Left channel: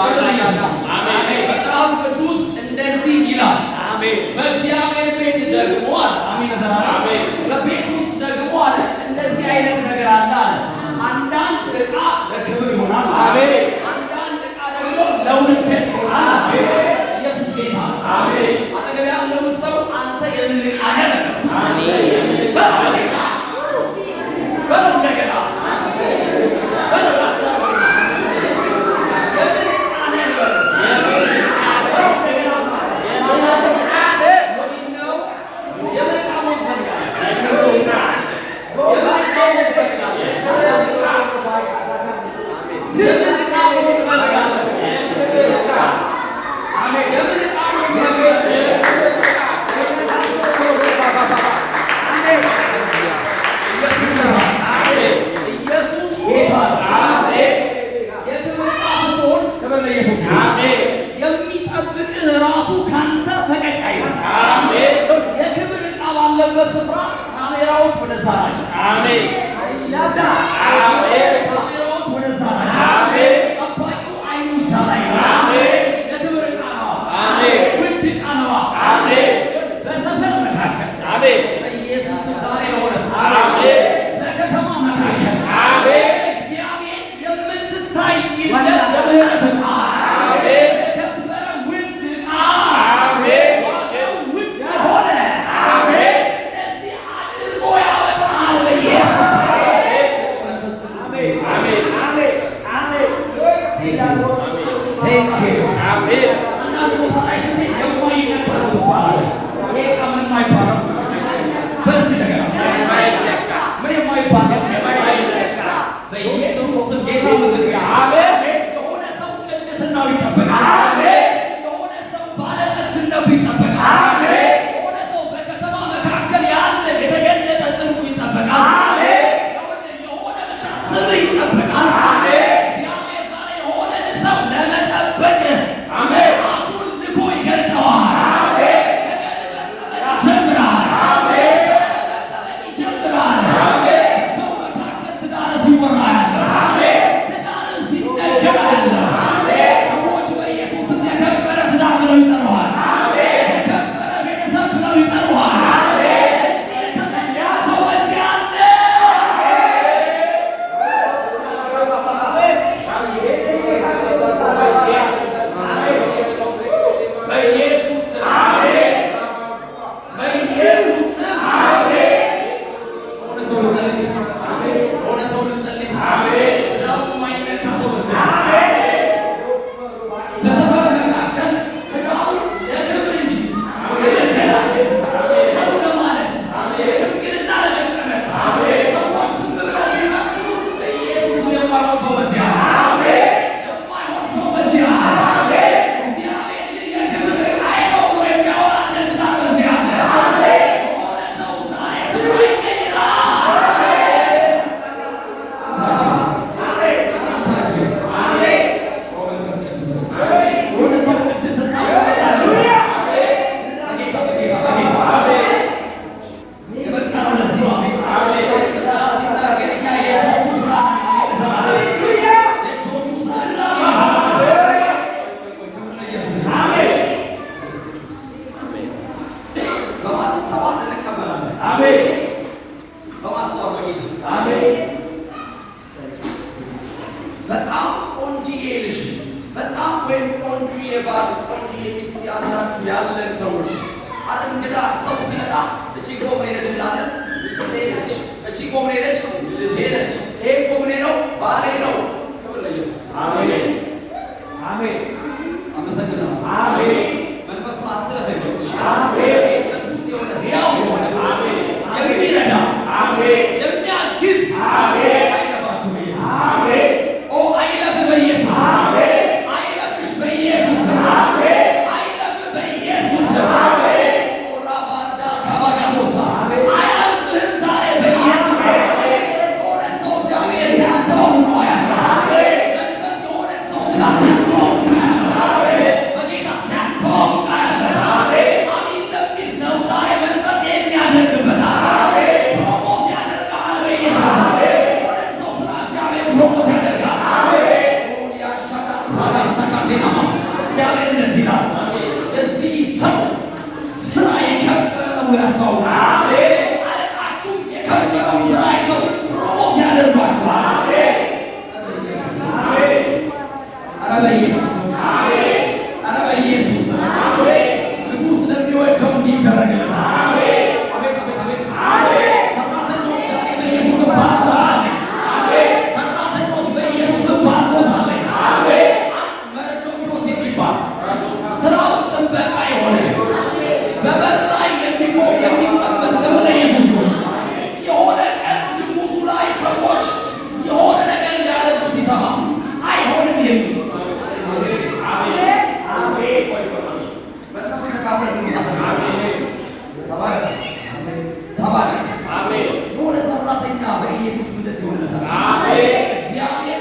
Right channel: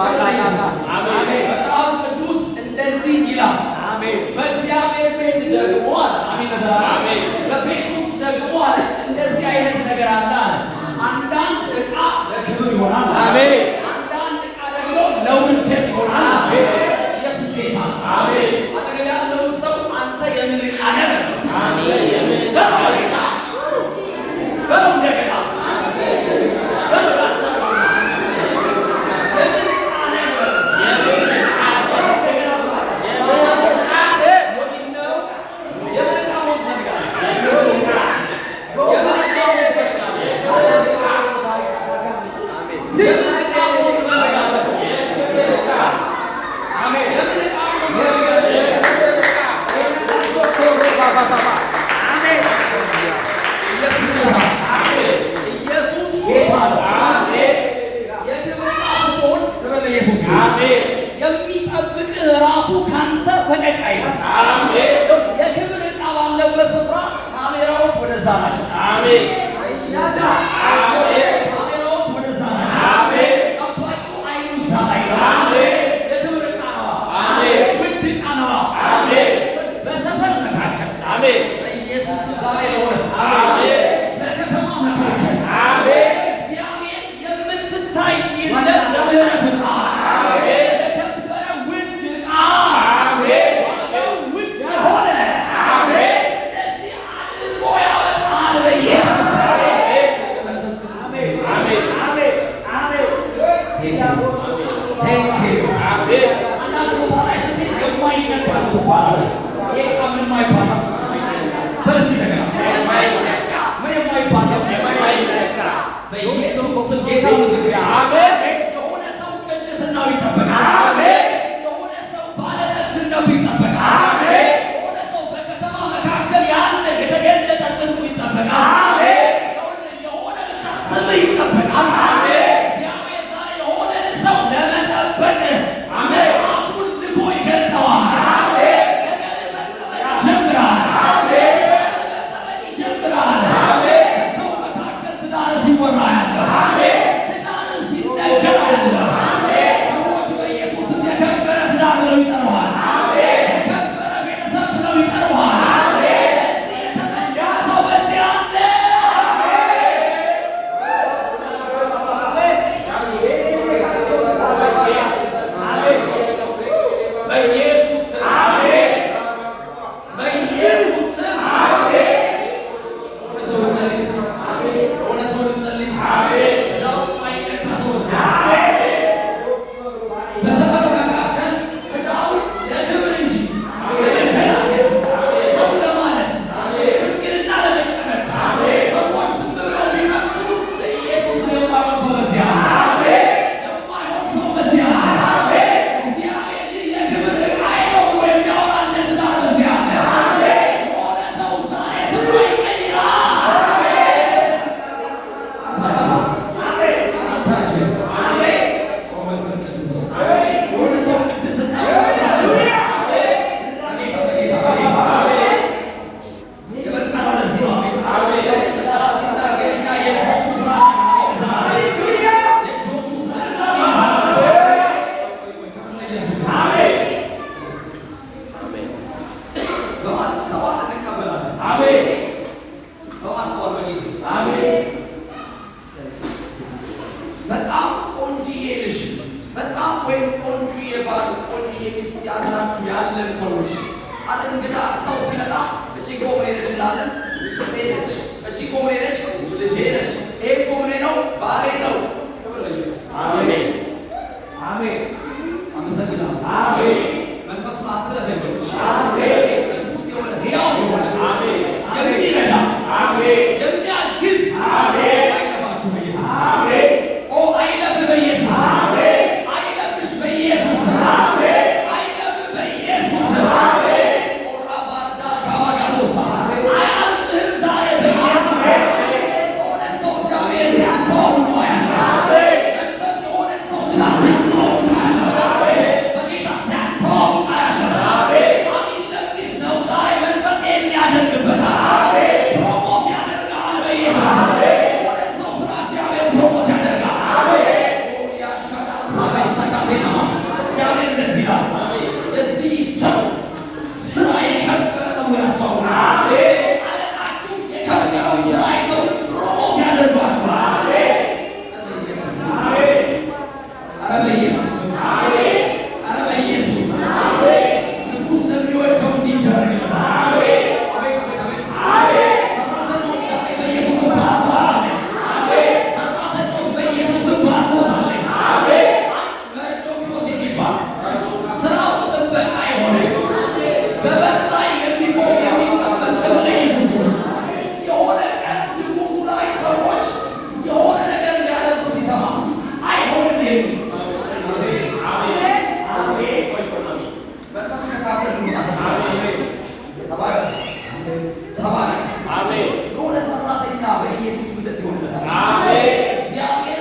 አሜን። መጽሐፍ ቅዱስ እንደዚህ ይላል። አሜን። በእግዚአብሔር ቤት ደግሞ አለ። አሜን። አሜን። በቤት ውስጥ ደግሞ አለ እንደዚህ አይነት ነገር አለ አለ። አንዳንድ ዕቃ ለክብር ይሆናል። አሜን። አንዳንድ ዕቃ ደግሞ ለውርደት ይሆናል። አሜን። ኢየሱስ ጌታ። አሜን። አጠገብ ያለውን ሰው አንተ የምን ዕቃ ነህ? አሜን። በለው ጌታ በለው እንደገና በለው ያስተርጉና የምን ዕቃ ነህ? የምን ዕቃ በለው እንደገና የሚጠብቅህ ራሱ ካንተ ፈቀቅ አይልም። አሜን። የክብር ዕቃ ባለበት ስፍራ ካሜራዎች ወደዛ ናቸው። አሜን። ካሜራዎች ወደዛ ናቸው። አሜን። ጠባቂው አይኑ እዛ ላይ ነው። አሜን። የክብር ዕቃ ነው። አሜን። ውድ ዕቃ ነው። አሜን። በሰፈር መካከል አሜን። በኢየሱስ ዛሬ ለሆነ አሜን። በከተማ መካከል አሜን። እግዚአብሔር የምትታይለት ለምህረት ዕቃ በኢየሱስ ስም ጌታ ምስክር አሜን። የሆነ ሰው ቅድስናው ይጠበቃል። አሜን። የሆነ ሰው ባለጠግነቱ ይጠበቃል። አሜን። የሆነ ሰው በከተማ መካከል ያለ የተገለጠ ጽድቁ ይጠበቃል። አሜን። የሆነ ብቻ ስም ይጠበቃል። አሜን። እግዚአብሔር ዛሬ የሆነ ሰው ለመጠበቅ መልአኩን ልኮ ይገልጠዋል። አሜን። ነገር መጠበቅ ይጀምራል። አሜን። መጠበቅ ይጀምራል። ሰው መካከል ትዳር ሲወራ ያለው ትዳር ሲነገር ያለው ሰዎች በኢየሱስ የከበረ ትዳር ብለው ይጠሩሃል። የከበረ ቤተሰብ ብለው ይጠሩሃል። እዚህ የተመለያ ሰው በዚህ አለ። በኢየሱስ ስም ሆነ ሰው ልጸልይ ትዳሩ የማይነካ ሰው በሰፈር መካከል ትዳሩ ለክብር እንጂ ለመከላከል ሰው ለማለት ሽምግልና ለመቀመጥ ሰዎች ዝም ብለው ቢመጥሉ በኢየሱስ የማይሆን ሰው በዚያ የማይሆን ሰው በዚያ እግዚአብሔር የክብር ዕቃዬ ነው ብሎ የሚያወራለት ትዳር በዚያ የሆነ ሰው ዛሬ ስፍራ ይቀይራል። በጣም ቆንጆዬ ልጅ በጣም ወይም ቆንጆዬ ባል ቆንጆዬ ሚስት ያላችሁ ያለን ሰዎች አለ እንግዳ ሰው ሲመጣ እቺ ኮምኔ ነች እንላለን። ነች እቺ ኮምኔ ነች፣ ልጄ ነች፣ ይሄ ኮምኔ ነው፣ ባሌ ነው። ክብር ለኢየሱስ። አሜን አሜን። አመሰግናለሁ። አሜን። መንፈሱን አትለፈኝ። አሜን። ቅዱስ የሆነ ሕያው የሆነ የሚረዳ የሚያግዝ አይለፋችሁ በኢየሱስ አሜን። አይለፍ በኢየሱስ አሜን። አይለፍሽ በኢየሱስ አሜን። አይለፍ በኢየሱስ አሜን። ኦራ ባርዳ ካባጋቶሳ አያልፍህም ዛሬ በኢየሱስ አሜን። ሆነ ሰው እግዚአብሔር ያስተዋውቅ ነው ያለው አሜን። መንፈስ የሆነ ሰው ትዳር ያስተዋውቅ ነው ያለው አሜን። በጌታ ያስተዋውቅ ነው ያለው አሜን። አሜን ለሚል ሰው ዛሬ መንፈስ የሚያደርግበት አሜን። ፕሮሞት ያደርጋል በኢየሱስ አሜን። ሆነ ሰው ስራ እግዚአብሔር ፕሮሞት ያደርጋል አሜን። ኦሊያ ሻዳ ባጋሳካ ቴናማ እግዚአብሔር እንደዚህ ይላል፣ የዚህ ሰው ስራ የከበረ ነው ያስተዋውቃል። አለቃችሁ የከበረውን ስራ አይተው ፕሮሞት ያደርጓችኋል። ኧረ በኢየሱስ ኧረ በኢየሱስ ንጉሥ ለሚወደው እንዲደረግለታል። ሰራተኞች ዛሬ በኢየሱስ ባርኮታል። ሰራተኞች በኢየሱስ ባርኮታል። መርዶክዮስ የሚባል ስራው ጥበቃ የሆነ በበር ላይ የሚቆም የሚቀመጥ ክብር ለኢየሱስ ነው። የሆነ ቀን ንጉሡ ላይ ሰዎች የሆነ ነገር ሊያደርጉ ሲሰማ አይሆንም የሚል ተባረክ። የሆነ ሰራተኛ በኢየሱስ እንደዚህ ሆነለታል። እግዚአብሔር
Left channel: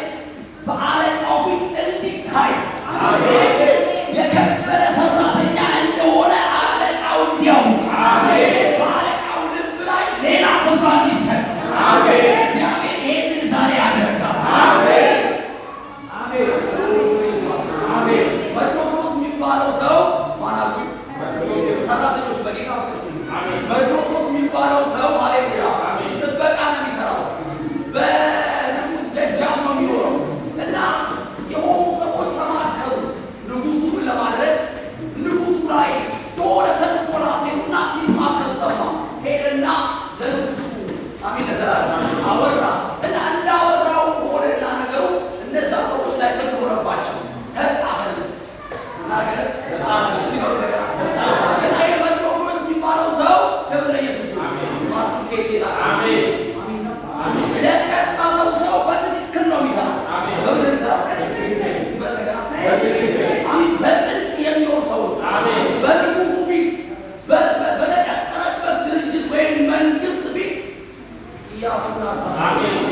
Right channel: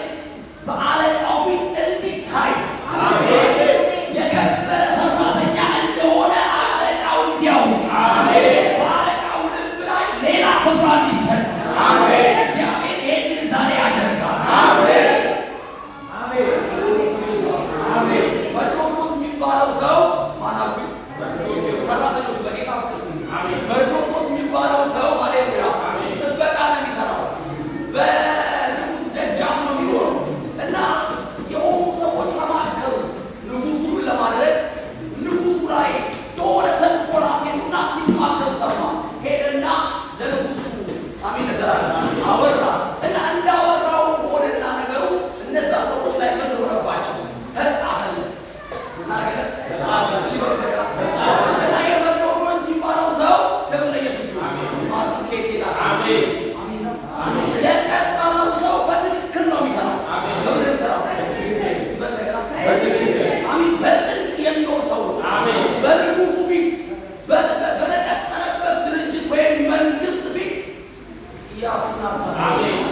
በአለቃው ፊት እንዲታይ የከበረ ሰራተኛ እንደሆነ አለቃው እንዲያውቅ በአለቃው ልብ ላይ ሌላ ስፍራ እንዲሰጠው እግዚአብሔር ይህንን ዛሬ ያደርጋል። መርዶክዮስ የሚባለው ሰው ማናዊ ሰራተኞች በጌታ ፍቅር ስም መርዶክዮስ የሚባለው ሰው ሃሌሉያ ጥበቃ ነው የሚሰራው። በንጉሥ ደጃፍ ነው የሚኖረው እና የሆኑ ሰዎች ተማከሩ ንጉሡን ለማድረግ ንጉሡ ላይ የሆነ ተንኮል አሴሩና ሲማከሩ ሰማ። ሄደና ለንጉሡ አሜን ለዘላለም አወራ እና እንዳወራው ሆነና ነገሩ እነዛ ሰዎች ላይ ተንኮለባቸው ተጻፈለት እና የመርዶክዮስ የሚባለው ሰው ክብር ለኢየሱስ ለቀጠለው ሰው በትክክል ነው የሚሰራው። በምን የሚሰራው? አሜን በጽድቅ የሚኖር ሰው ነው። በንጉሡ ፊት በተቀጠረበት ድርጅት ወይም መንግስት ፊት እያቱናሰራ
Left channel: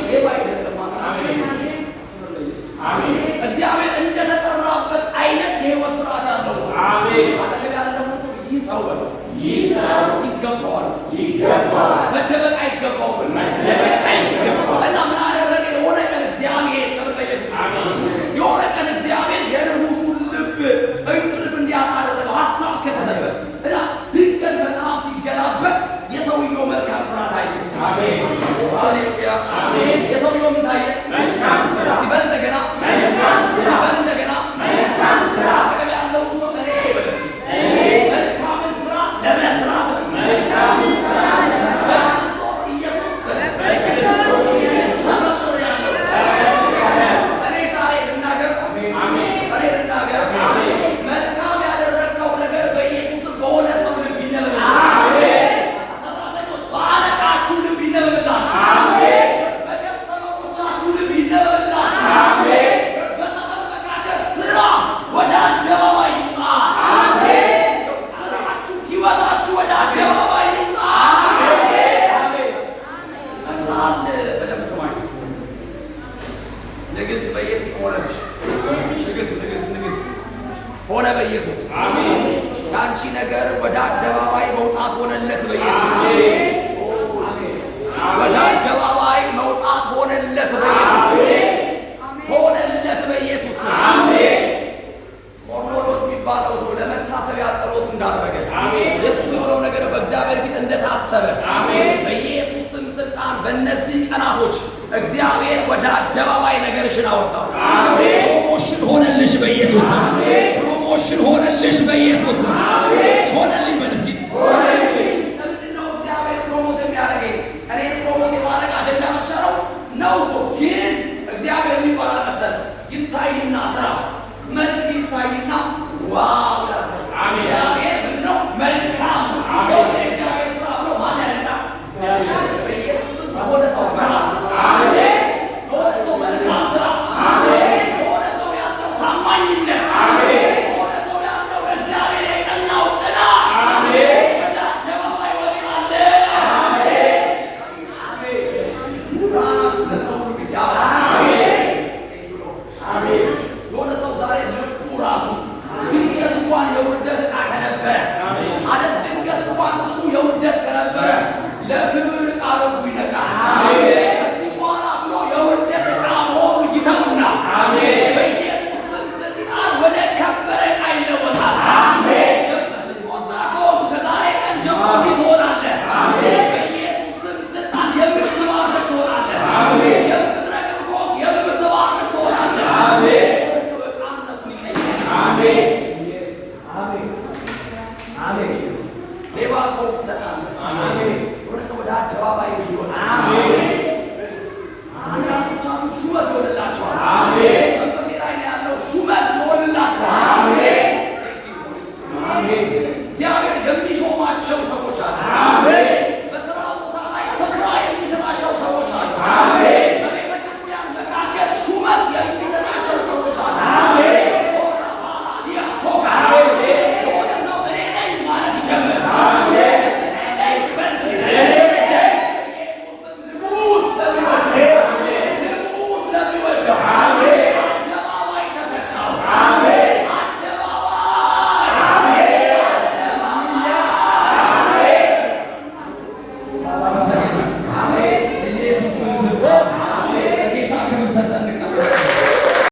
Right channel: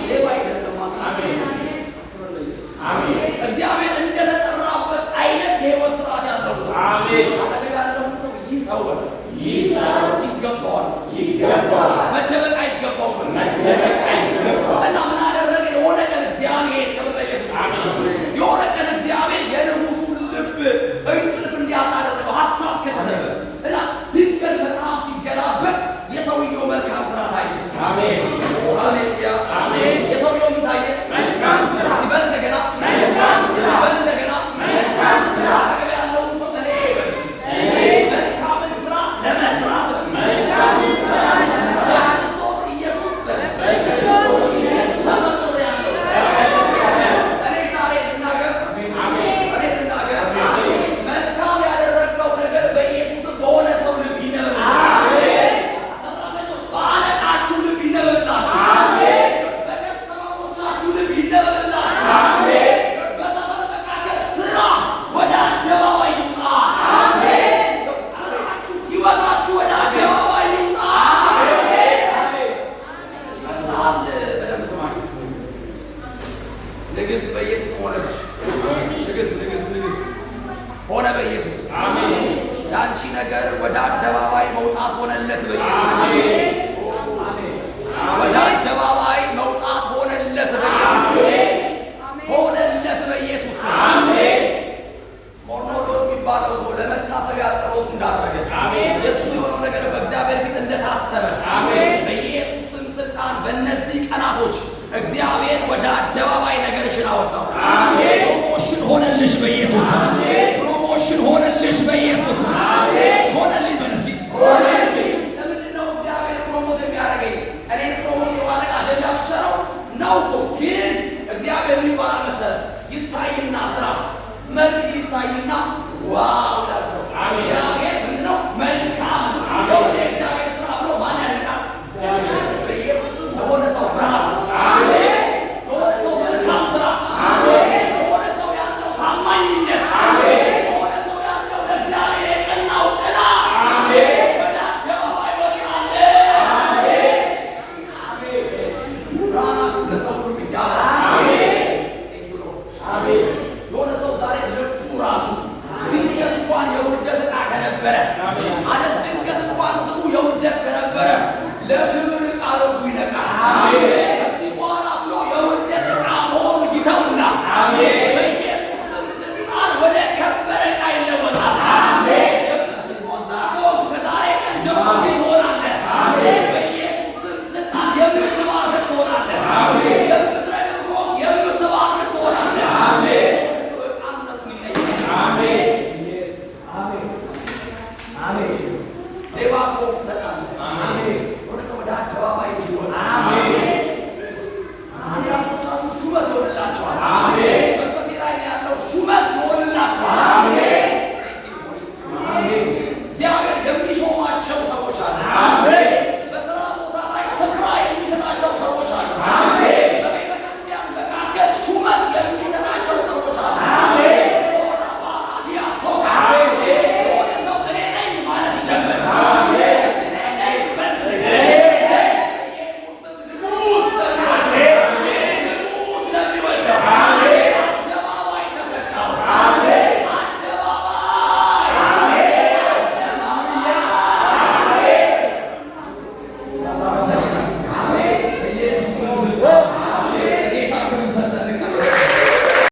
ሌባ አይደለም። እግዚአብሔር እንደተጠራበት አይነት የህይወት ስርዓት ያለው ሰው አጠገብ ያለው ሰው ይህ ሰው በለው ይገባዋል። መደበቅ አይገባውም። እና ምን አደረገ? የሆነ ቀን እግዚአብሔር ክብር ለኢየሱስ የሆነ ቀን እግዚአብሔር የንጉሡን ልብ እንቅልፍ እንዲያጣ አደረገው። ሀሳብ ከተተበት እና ድንገት መጽሐፍ ሲገላበጥ የሰውየው መልካም ስራ ታየ። ሃሌሉያ! የሰውየው ምን ታየ? ሲበል እንደገና ሲበል እንደገና አጠገብ ያለውን ሰው እኔ መልካምን ስራ ለመስራት በክርስቶስ ኢየሱስ ተፈጥሬአለሁ። እኔ ዛሬ ልናገር መልካም ያደረግከው ነገር በኢየሱስ በሆነ ሰው ልብ ይነበብላል። ሰራተኞች በአለቃችሁ ልብ ይነበብላችሁ። በከስተመሮቻችሁ ልብ ይነበብላችሁ። በሰፈር መካከል ስራ ወደ አደባባይ ይውጣ። ስራችሁ ህይወታችሁ ወደ አደባባይ ይውጣ። ይመስላል። በደንብ ስማኝ። ንግሥት በኢየሱስ ሆነች። ንግሥት ሆነ በኢየሱስ ያንቺ ነገር ወደ አደባባይ መውጣት ሆነለት በኢየሱስ ወደ አደባባይ መውጣት ሆነለት በኢየሱስ ሆነለት በኢየሱስ ቆርኔሌዎስ የሚባለው ሰው ለመታሰቢያ ጸሎቱ እንዳደረገ የእሱ የሆነው ነገር በእግዚአብሔር ፊት እንደታሰበ በኢየሱስ ስም ስልጣን በእነዚህ ቀናቶች እግዚአብሔር ወደ አደባባይ ነገርሽን አወጣው። ፕሮሞሽን ሆነልሽ በኢየሱስ ፕሮሞሽን ሆነልሽ በኢየሱስ ሆነልኝ በል እስኪ ለምንድን ነው እግዚአብሔር ፕሮሞት የሚያደርገኝ? እኔ ፕሮሞት የማድረግ አጀንዳ ብቻ ነው ግን እግዚአብሔር ምን ይባላል መሰለህ? ይታይና ስራ መልክ ይታይና ዋው